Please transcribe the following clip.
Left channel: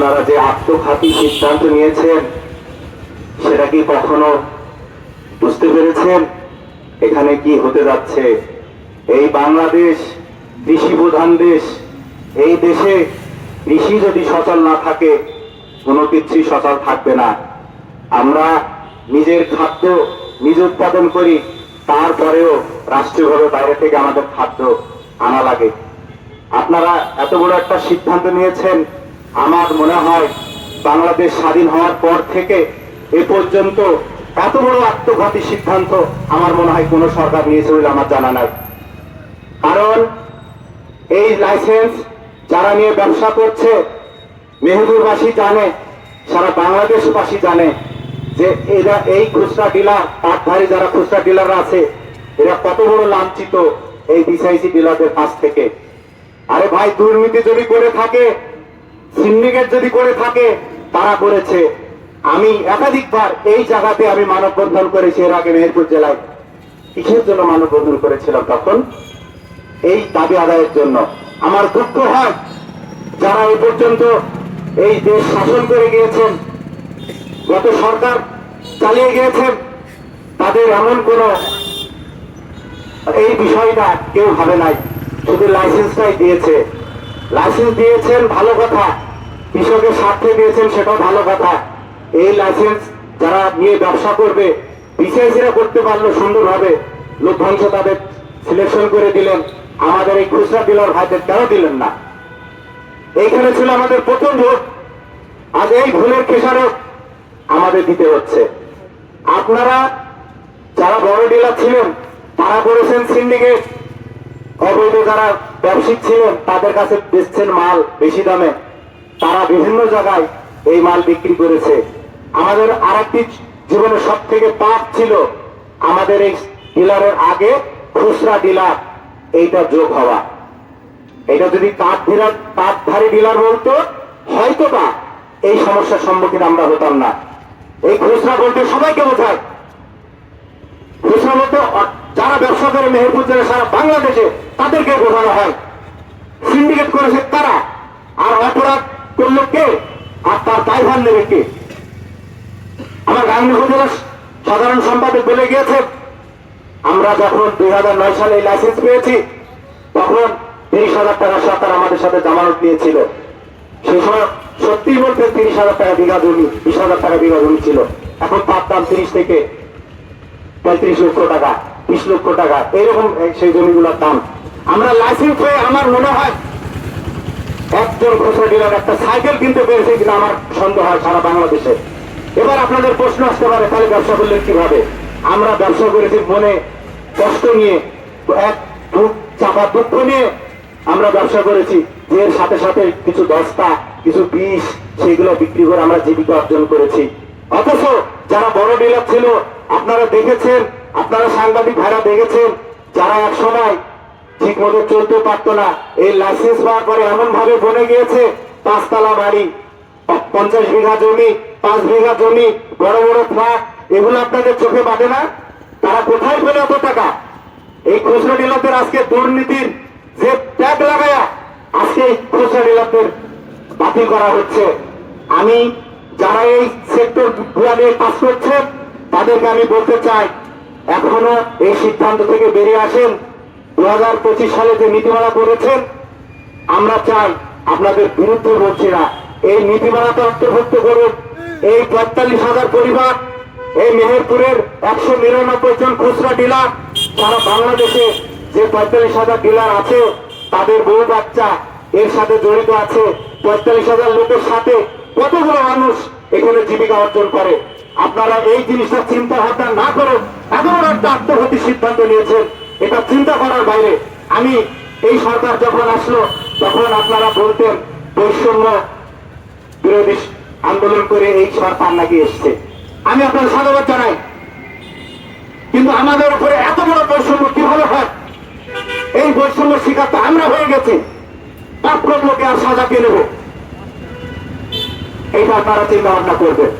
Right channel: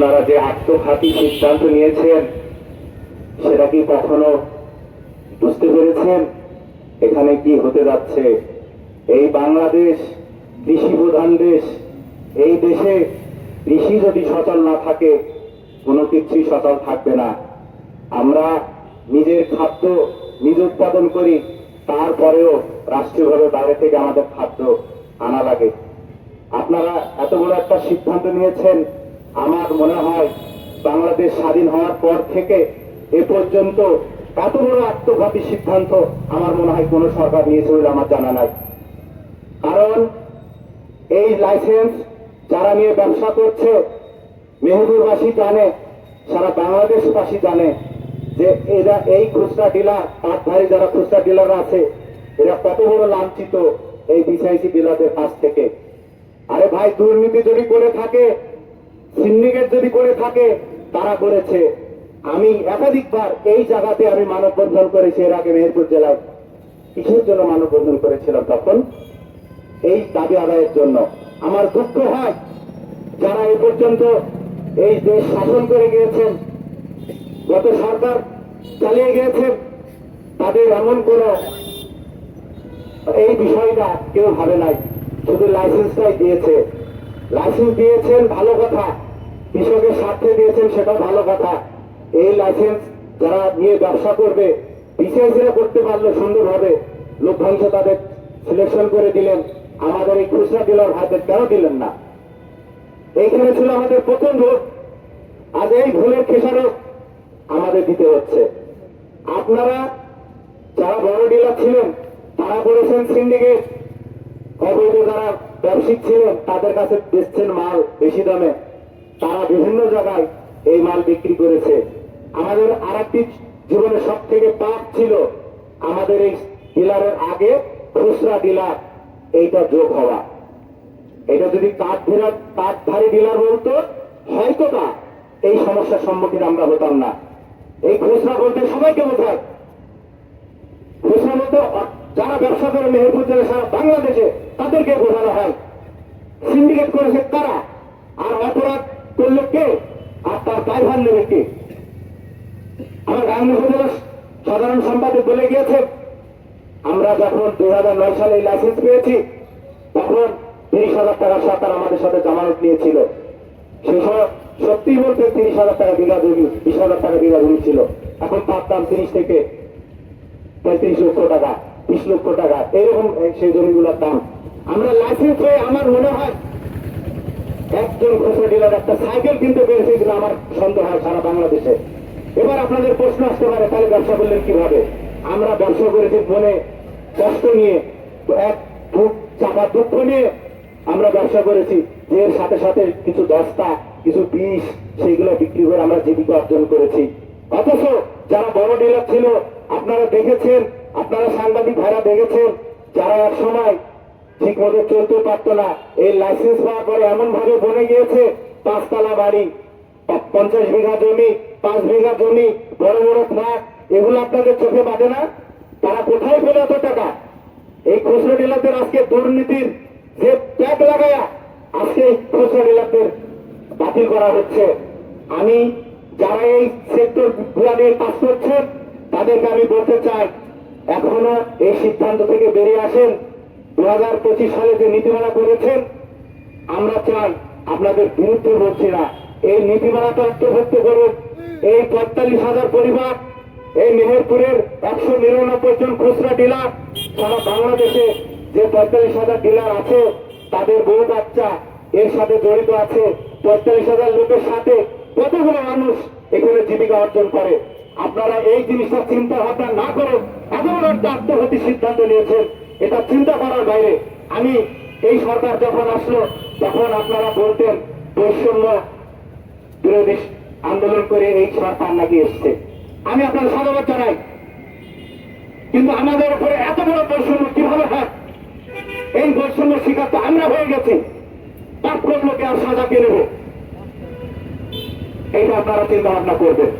আপনারা যে আত্মঘাতী সিদ্ধান্ত নিয়েছেন, সেটা কি কখনো বুঝতে পেরেছেন? এখানে কি হতে যাচ্ছে? এই বাংলাদেশ কৃষি প্রধান দেশ, এই দেশে কৃষি যদি সচল না থাকে, কোনো কিছুই সচল থাকবে না। আমরা নিজের খাদ্য নিজ উৎপাদন করি, তারপরেও রাষ্ট্রীয়ভাবে বাইরে থেকে আমাদের খাদ্য আনা লাগে। আপনারা এত বড় একটা সিদ্ধান্ত নিয়েছেন আমার মনে হয় বাংলাদেশ স্বাধীন হওয়ার পর থেকে এ পর্যন্ত এত বড় আত্মঘাতী সিদ্ধান্ত আমার মনে হয় কোনো সরকার নিয়েছে বলে আমার জানা নাই। কারণ এই লাইসেন্স যারা নিয়ে ব্যবসা করছে, মেহেদুরবাসী জানে, সারা বাংলাদেশবাসী জানে যে এরা এই খুচরা ডিলার, পাটধারী যারা খুচরা ডিলার আছে, এরা কত বড় লাঞ্ছিত এই বিসিআইসি ডিলারদের কাছ থেকে। আরে ভাই, দুর্নীতি যদি করে থাকে সিন্ডিকেট যদি করে থাকে, তারা করেছে। আমি একাধিকবার এই জায়গাতে আমি মানববন্ধন করেছি এর আগে মেহেরপুর জেলায়। কিসের জন্য মানববন্ধন করেছিলাম তখন? এই দাবি আদায়ের জন্য। আমার দুঃখ হয় যারা এই পর্যন্ত এই দেশ শাসন করে গিয়েছেন, গত সরকার চালিয়ে গিয়েছেন, তাদের এমন কোন এই বিষয়টা কেউ ভাবে নাই। শুধু লাইসেন্সটাই দিয়েছে। লাইসেন্স দিয়েছেন ভালো কথা। কৃষকের স্বার্থে দিয়েছেন সেটাও ভালো কথা। এই লাইসেন্স যারা নিয়ে ব্যবসা করবে বিসিআইসিরা করতে পারল সুন্দরভাবে লভ্যাংশ তাদের সিলেকশন করে দিলেন। আমাদের এই খুচরা ডিলার ভাইদের দিলেন না। এইখানে ছিল আমাদের প্রথম ভোট। আজ এই ভুলের খেসারত আমাদের দিতে হচ্ছে। আপনারা যারা বড় ডিলার ছিলেন, তারা করেছেন সিন্ডিকেট অবৈধ যারা ব্যবসায়িক ছিলেন, তাদের কাছে বেচছেন মাল বেশি দামে। তারা বিভিন্ন জায়গায় এই মাল বিক্রি করেছে। আমাদের আরেকটি জীবনে সব থেকে পাপ ছিল আমাদের এই ডিলারের আগে খুচরা ডিলার, এইটা যোগ হওয়া। এটা যদি কাঠ ডিলার, কাঠধারী ডিলার বলতো হয়তো বা এই সমস্যার সম্মুখীন আমরা হতাম না। এই খুচরা বলতে সবাইকে বোঝায়। খুচরা বলতে যারা ব্যবসা করে মেহেরপুর জেলা সারা বাংলাদেশে তাদেরকে বোঝানো হয়। সিন্ডিকেট করেছে তারা। করল কে আর তার দায়ভার নেবে কে? আমার গাঙ্গি উপজেলার সাধারণ সম্পাদক বলে গিয়েছে, আমরা যখন দুই সালে লাইসেন্স পেয়েছি, তখন তিরিশ হাজার টাকা সরকার আমাদের সাথে জামানত নিয়েছিল। সেই সময় সত্যি বলতে তিরিশ হাজার টাকা বিঘা জমি, বিশ হাজার টাকা বিঘা জমি ছিল। এখন তার দাম তিরিশ থেকে পঁয়ত্রিশ লক্ষ টাকা, বিশ লক্ষ টাকা এরকম এই- সেই জমিগুলোর দাম। আমরা লাইসেন্স হয়ে আমার মনে হয় একজন খুচরা ডিলার একটা সাইকেল কিনতে পেরেছে কিনা আমার সন্দেহ হয় সারা বাংলাদেশে। এবার আপনাদের প্রশ্ন আসতে পারে, তাহলে ব্যবসা করলেন কীভাবে? আমরা ব্যবসা করেছি মনে কষ্ট নিয়ে, এক দুঃখ চাপা দুঃখ নিয়ে আমরা ব্যবসা করেছি, যে সাথে সাথে কিছু দস্তা কিছু বিষ, সেইগুলো বিক্রি করে আমরা জীবিকা অর্জন করেছি। অথচ যারা বড় ডিলার ছিল, আপনারা দেখেছেন, আপনারা সাংবাদিক ভাইরা দেখেছেন, যারা এক সময় ঠিক মতো চলতে পারতো না। এই লাইসেন্স পাওয়ার পরে এমন ভাবে বনে গিয়েছে, পাঁচতলা বাড়ি। পঞ্চাশ বিঘা জমি, পাঁচ বিঘা জমি, বড় বড় ফ্ল্যাট, এগুলো আপনাদের চোখে বাঁধে না? তারা কোথায় পেলে এত টাকা? এই খুচরা ডিলারদের আজকে দুর্নীতির যে ট্যাগ লাগায়া আজকে এই খুচরা ডিলারদের বাতিল করা হচ্ছে। আমি যারা এই সেক্টর নিয়ে কাজ করছেন, তাদেরকে আমি বলতে চাই, এখনও এই সিদ্ধান্ত থেকে বেরিয়ে আসেন। দু হাজার পঁচিশ সালে যে নীতিমালা করেছেন, আমরা চাই আপনাদের বিরুদ্ধে বলছি না। এই নীতিমালাতে অন্তর্ভুক্ত করুন। এই পঁয়তাল্লিশ হাজার পরিবার, এই মেহেরপুরের একশো নিরানব্বই জন খুচরা ডিলার, সারা বাংলাদেশে যে পঁয়তাল্লিশ হাজার ডিলার আছে, তাদের বউ বাচ্চা এর সাথে জড়িত আছে। পঁয়তাল্লিশ হাজার লোকের সাথে কতগুলো মানুষ এখানে জীবিকা অর্জন করে? আপনারা এই জিনিসটা চিন্তা ভাবনা না করে এমন একটা আত্মঘাতী সিদ্ধান্ত নিয়েছেন। এটা চিন্তা করার বাইরে আমি এই সরকার যখন আসলো, তখন আপনারা বলতেন, বৈষম্য বিরোধী আন্দোলন করে এই সরকার নাকি এসছে। আমি আপনার স্বাগত জানাই। কিন্তু আমাদের উপরে এত বড় বৈষম্য কীভাবে হয়? এই বৈষম্য শিকার তো আমরা হয়ে গেছি। পাপ লোকে আর সাজা কে নেব। এইটা আপনারা চিন্তা ভাবনা করবেন।